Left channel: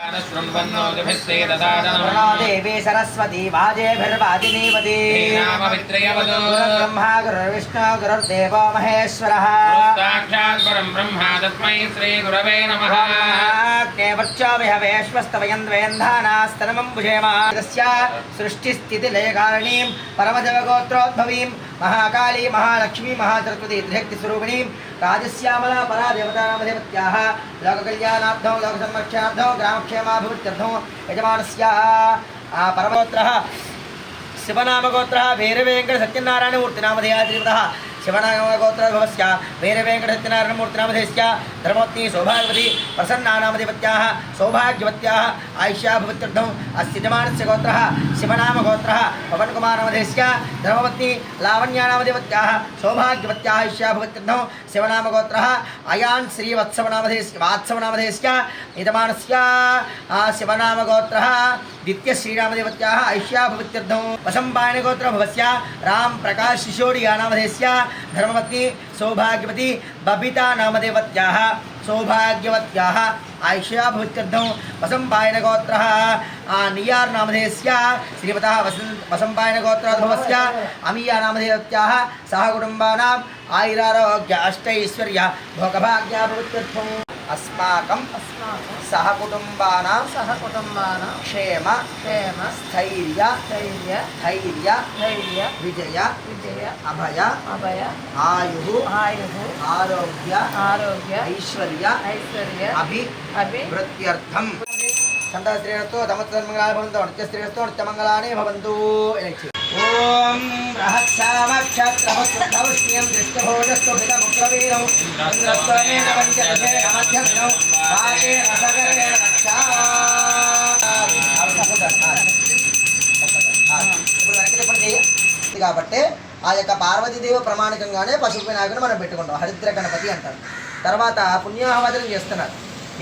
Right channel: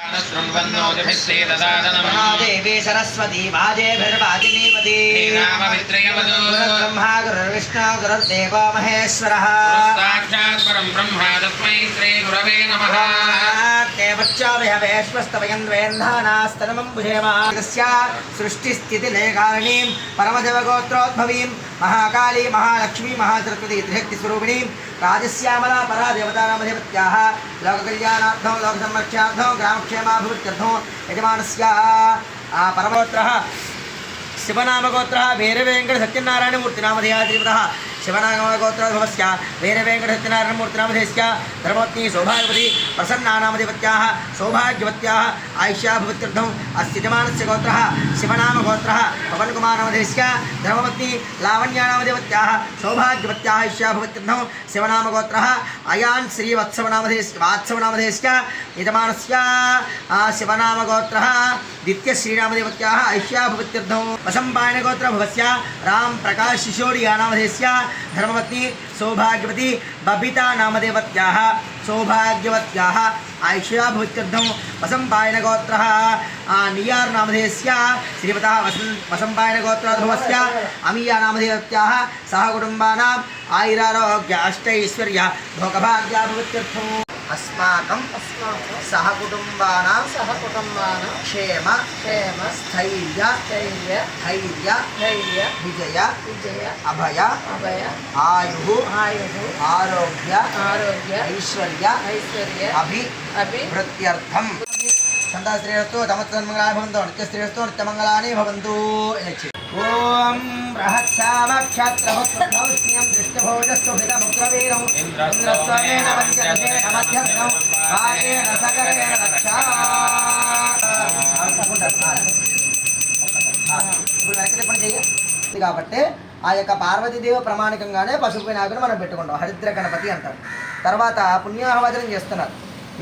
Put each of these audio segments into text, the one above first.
प्रणो देवी सरस्वती वाजेभिर्वाजिनीपति गुरुर्ब्रह्मा गुरुर्विष्णु गुरुर्देवो महेश्वरः परं ब्रह्मा तस्मै श्रीगुरवे नमः देवच्चाभयवेश्वस्तवयन्द्वेन्धानास्तनमम्बुषेमागस्य सृष्टिस्थितिलेकारिणीं परमदेवगोत्रोद्भवीं महाकाली महालक्ष्मी महासरस्वती त्रिशक्तिस्वरूपिणीं राजस्यामला परा देवतानामधिपत्याः लोककल्याणार्थं लोकसंरक्षणार्थं ग्रामक्षेमाभिवृद्ध्यर्थं यजमानस्य आ, परमगोत्रः शिवनामगोत्रः भैरवेङ्कट सत्यनारायणमूर्तिनामधेयाधिपतः శివనాగోత్ర సమస్య వేరే వెంకటసత్యనారాయణమూర్తినామధేశ్య ధర్మవతి సౌభాగవతి ప్రసన్నానామధిపత్యా సౌభాగ్యవత్యా ఆయుష్యాభవత్యర్థం అస్థితమానస్య గోత్ర శివనామగోత్ర పవన్కుమారామధేశ్య ధర్మవతి లావణ్యానామధిపత్యా సౌభాగ్యవత్యా ఆయుష్యాభవత్యర్థం శివనామగోత్ర అయాన్ శ్రీవత్సవనామధేశ్ వాత్సవనామధేశ్య यजमानस्य शिवनामगोत्रः दित्यश्रीरामदेवत्याः ऐष्याभवत्यर्थं वसम्पायनगोत्रभवस्य राम प्रकाश शिशोडियानामधेयस्य धर्मवती सौभाग्यवती बबिता नामदेवत्याः वसम्पायनगोत्रः आ, नियार् नामधेयस्य श्रीमतः वसन् वसम्पायनगोत्रोद्भवस्य अमीया नामधेयत्याः सह कुटुम्बानाम् आयुरारोग्य अष्टैश्वर्य भोगभाग्याभवत्यर्थम् अस्माकं अस्माकं सहकुटुम्बानां सहकुटुम्बानां क्षेम क्षेम स्थैर्य स्थैर्य धैर्य धैर्य विजय विजय अभय अभय आयुः आयुः आरोग्य आरोग्य ऐश्वर्य ऐश्वर्य अभि अभि वृत्त्यर्थं। सन्तास्त्रीरस्तु तमत्तन्मङ्गलानि भवन्तु नित्यस्त्रीरस्तु नित्यमङ्गलानि भवन्तु। ఓం బృహత్సామక్షత్రభద్రౌష్ణ్యం దృష్టభోజస్సు హితముగ్రవీరం ఇంద్రస్వమేన పంచదశేన మధ్యమినం సగరేణ రక్షా. ఇప్పుడు వెనక్కి చెప్పండి చెయ్యి. కాబట్టి ఆ యొక్క పార్వతీదేవి ప్రమాణికంగానే పశువు వినాయకుడు మనం పెట్టుకుంటాం. హరిద్ర గణపతి అంటారు. తర్వాత పుణ్యాహవచనం చేస్తున్నారు.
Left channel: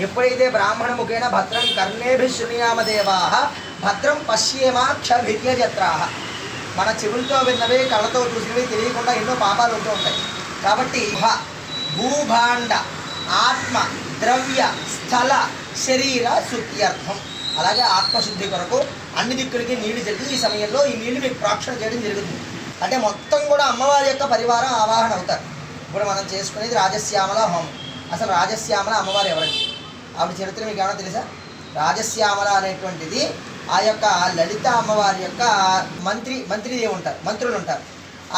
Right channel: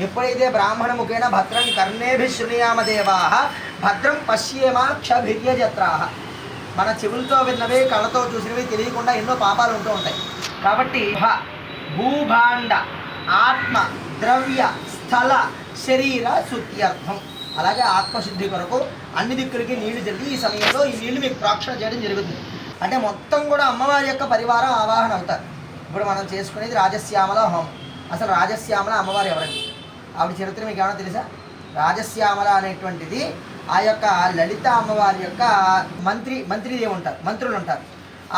ఎప్పుడైతే బ్రాహ్మణ ముఖేన భద్రం కర్ణేభి శృణుయామ దేవా భద్రం పశ్యేమాక్షభిర్యజత్రా. మన చెవులతో విన్నవి కళ్ళతో చూసినవి తెలియకుండా ఎన్నో పాపాలు ఉంటూ ఉంటాయి. కాబట్టి భ భూభాండ ఆత్మ ద్రవ్య స్థల శరీర శుద్ధ్యర్థం అలాగే ఆత్మశుద్ధి కొరకు అన్ని దిక్కులకి నీళ్ళు జరిగి ఈ సమయంలో ఈ నీళ్ళు మీకు ప్రోక్షణ చేయడం జరుగుతుంది. అంటే మొత్తం కూడా అమ్మవారి యొక్క పరివారం ఆవాహన అవుతారు. ఇప్పుడు మనం చేసుకునేది రాజశ్యామల హోమం. అసలు రాజశ్యామల అమ్మవారు ఎవరండి? ఆవిడ చరిత్ర మీకు ఏమైనా తెలుసా? రాజశ్యామల అనేటువంటిది ఆ యొక్క లలిత అమ్మవారి యొక్క మంత్రి మంత్రిదేవి ఉంటారు మంత్రులు ఉంటారు.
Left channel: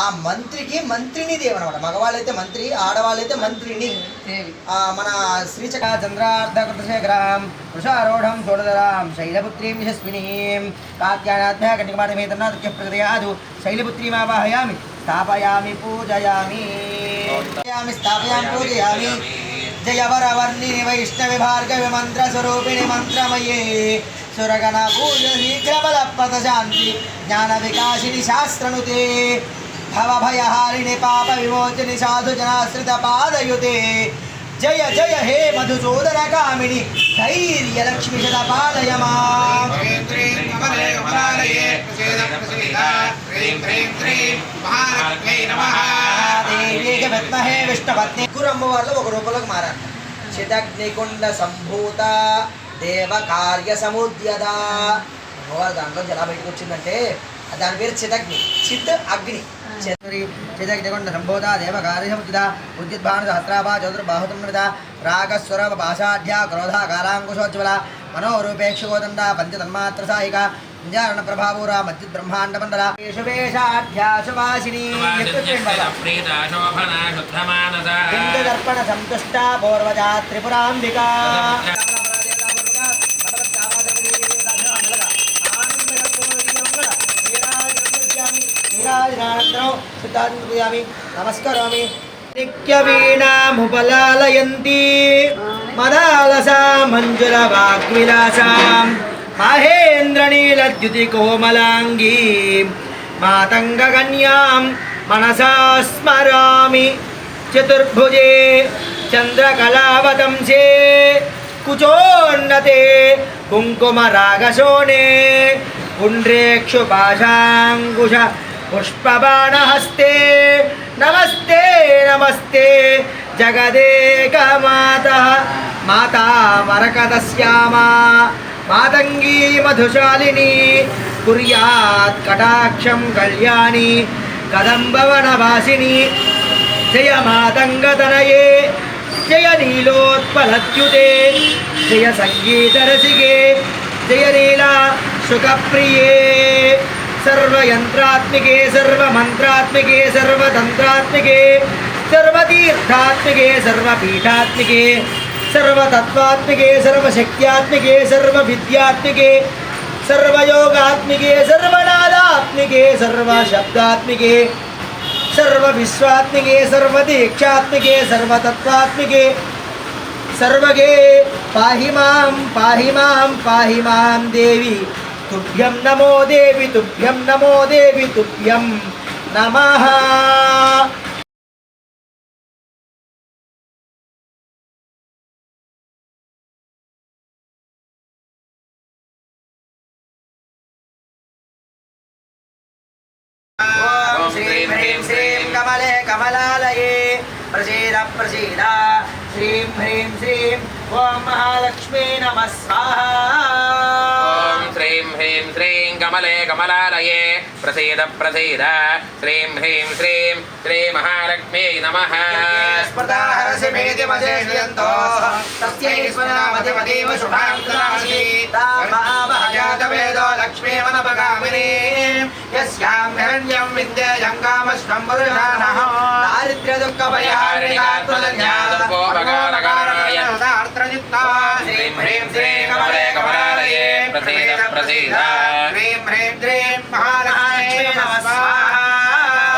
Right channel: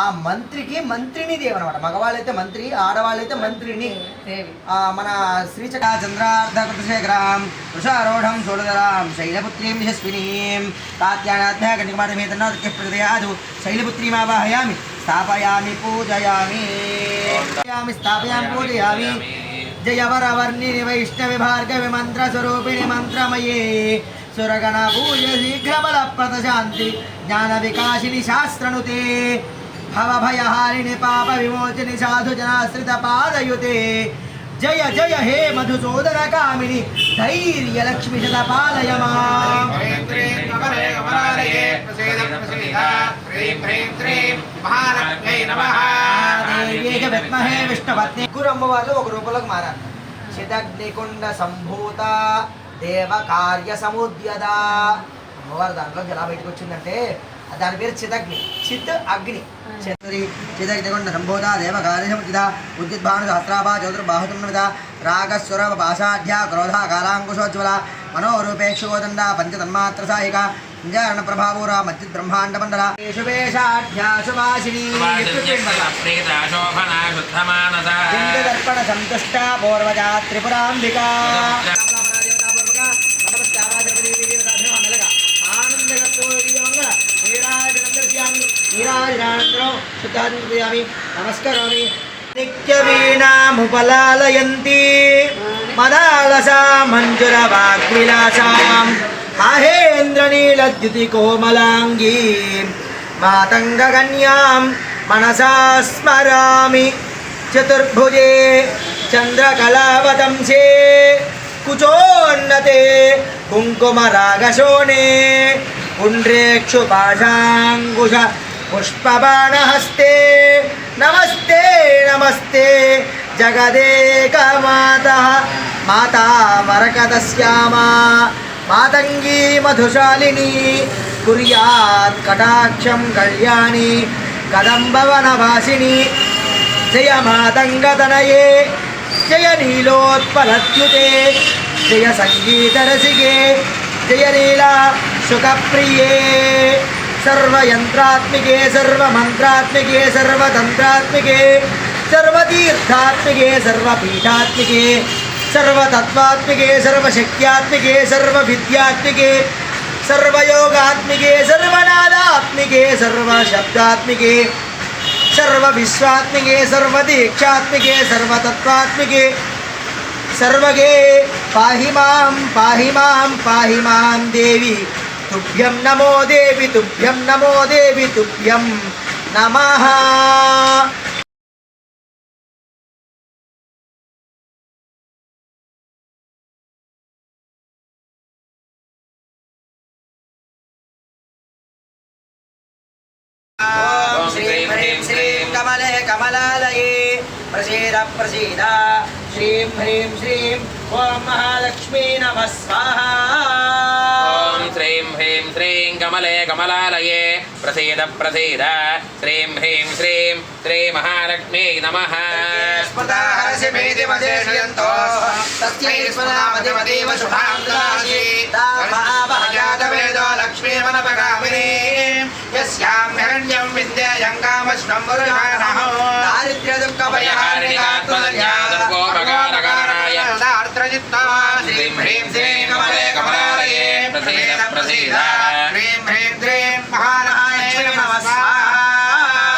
ఆ మంత్రికి మంత్రిని దేవి అనమాట మగవాళ్ళైతే మంత్రి ఆడవాళ్ళైతే మంత్రిని. మన శ్రీచక చంద్రార్ధకృతశేఖరాం వృషారూఢం షోడధరాం శైలపుత్రీం యశస్వినీం కాత్యాయాధ్యా కటికమాటమేతన్నాదిత్య ప్రకృతయాదు శైలపుత్రీమావాహయామి స్థాపయామి పూజయామి. స్థాపయామి స్థాపయామి పూజయామి. జయవరవర్ణిని వైష్ణవి భార్గవి మంత్రస్వరూపిణి మంత్రమయే. సురగణ పూజ శీఘ్రబల ప్రశాంతి జ్ఞాన వికాసిని శాస్త్రనుతే భవభయహారిణి పాప విమోచని సాధు జనాశ్రిత పాదయుతే జయ జయ హే మధుసూదర కామిని ధైర్య లక్ష్మి శత విష్ణుపత్ని ముగ్గురు ఒక రూపంలోకి మారారు చిదగ్నికుండ సంభూత దేవ కార్య సముద్యద అమ్మవారు దాంట్లో ఎలా బయటకు వచ్చిందంటే దాని పేరు చిదగ్ని. చిత్ అగ్ని. చంద్రి చిదగ్నికుండ సంభూత దేవ కార్య సముద్యద ఉద్యుద్భాను సహస్రాభా చతుర్బాహుతం రాగస్వర పాషాఢ్య క్రోధ కాలాంకుశోజ్వల మనోరూపేక్షోదండ పంచతన్మాత్ర సాయిక ప్రభావూర మధ్య బ్రహ్మాండ మండల. శుభాషిణీ శోభనా శుద్ధమానస. లింగదర్పణ సంతుష్ట పూర్వజా త్రిపురాంబికా నిత్యవీణాముపలాలయంతి. మదాలసా మంజుర వాగ్విలాసాం మహేంద్రనీలద్యుతి కోమలాంగీ మాతంగకన్యాం మనసా స్మరామి. చతుర్భుజే చంద్రకళావతంసే కుచోన్నతే కుంకుమరాగశోణే పుండ్రేక్షు పాశాంకుశ पुष्पबाणहस्ते, नमस्ते नमस्ते। जगदेकमातः माता मरकतस्यामा मातंगी मधुशालिनी, कुर्यात् कटाक्षं कल्याणी, कदम्बवनवासिनी। जय मातङ्गतनये, जय नीलोत्पलद्युते जय सङ्गीतरसिके, जय लीला सुखप्रिये। सर्वयन्त्रात्मिके, सर्वमन्त्रात्मिके, सर्वतन्त्रात्मिके, सर्वतीर्थात्मिके, सर्वपीठात्मिके, सर्वतत्त्वात्मिके, सर्वशक्त्यात्मिके, सर्वविद्यात्मिके, सर्वयोगात्मिके, सर्वनादात्मिके, सर्वशब्दात्मिके, सर्वविश्वात्मिके, सर्वदीक्षात्मिके, सर्वतत्त्वात्मिके, सर्वगे पाहि माँ पाहि माँ पाहि माँ देवी। తుభ్యం నమో దేవి తుభ్యం నమో దేవి తుభ్యం నమ. శ్రీం శ్రీం ప్రసీద ప్రసీద. శ్రీం హ్రీం శ్రీం ఓం మహాలక్ష్మీ నమ స్వాహా. कमले कमलालये प्रसीद प्रसीद श्रीं ह्रीं श्रीं श्रीमहालक्ष्मी नमः लक्ष्मीमनपगामिनी यस्यां हिरण्यं विद्येयं कामश्वम्बुरुषाणः दारिद्र्यदुःखपरिहारिणि गात्रज्ञा दुर्गोपकारकाराय दार्त्रजित्तवान् श्रीं ह्रीं श्रीं प्रसीद प्रसीद। ह्रीं ह्रीं ह्रीं महालक्ष्मी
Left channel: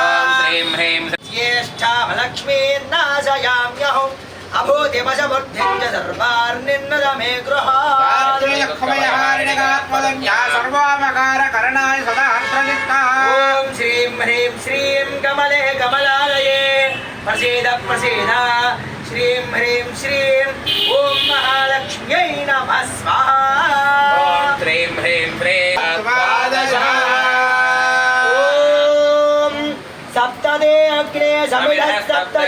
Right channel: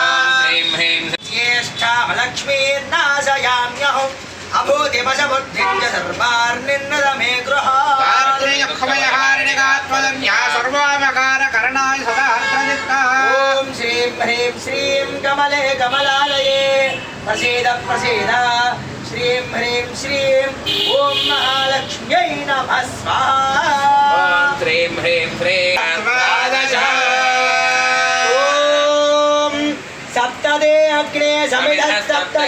ॐ ह्रीं ह्रीं ज्येष्ठालक्ष्मीर्नाशयाम्यहम् अभो दिवस बुद्धिं च सर्वार्निन्नद मे गृहात्मयहारिणगात्मदन्या सर्वामकारकरणाय सदार्थचित्तः ॐ श्रीं ह्रीं श्रीं कमले कमलालये। प्रसीद प्रसीद। శ్రీం హ్రీం శ్రీం ఓం మహాలక్ష్మ్యై నమ స్వాహ్రీం హ్రీం హ్రీం ఓం సప్తదే అగ్నే సమిధ సప్త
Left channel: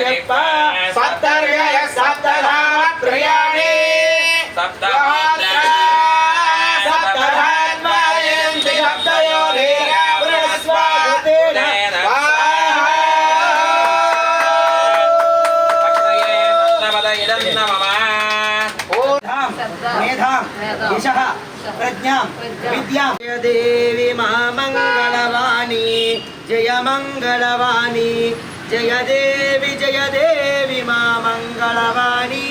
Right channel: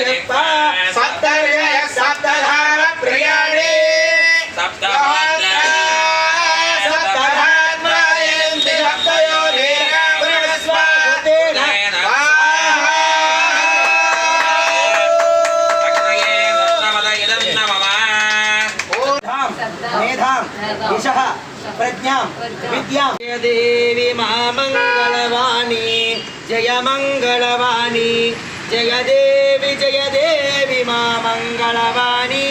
సప్త సప్త ప్రయాణే సప్త मेधां यशः प्रज्ञां विद्यां जय देवी मा मङ्गलवाणी जय मङ्गलवाणी जय देवी जय देवी मा मङ्गलवाणी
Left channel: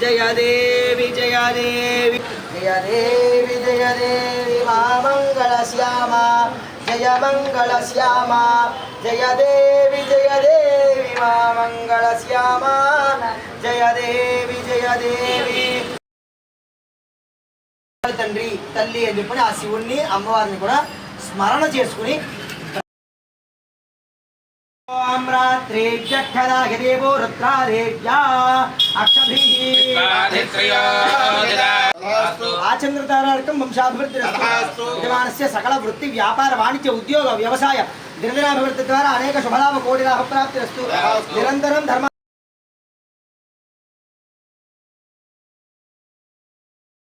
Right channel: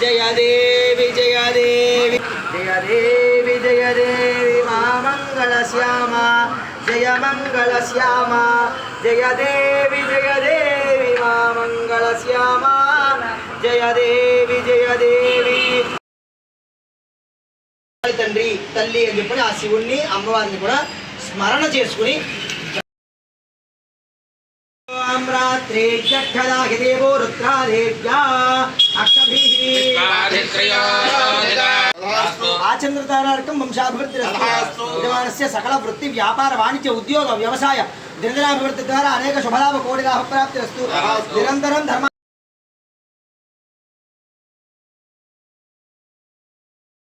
जय देवी जय देवी जय देवी जय देवी मा मङ्गलश्यामा जय मङ्गलश्यामा जय देवी जय देवी मा मङ्गलश्यामा जय देवी जय देवी తల్లి అని చెప్పని ఆ శివుణ్ణి అమ్మవారిని కూడా స్మరణ చేసుకుని ఓం రాత్రి జఠదాహిదేవో రుద్రాదేవ్యా అక్షభిః ఆచంద్రతారార్కం వంశాభివృద్ధిరస్తు. విద్యమానస్య సకల వృత్తి వ్యాపార వాణిజ్య ఉద్యోగ వ్యవసాయ దినదినాభివృద్ధి ద్వారా అనేక శుభలాభ కోటి లాభ ప్రాప్తిరస్తు. నిరంతరం ధర్మ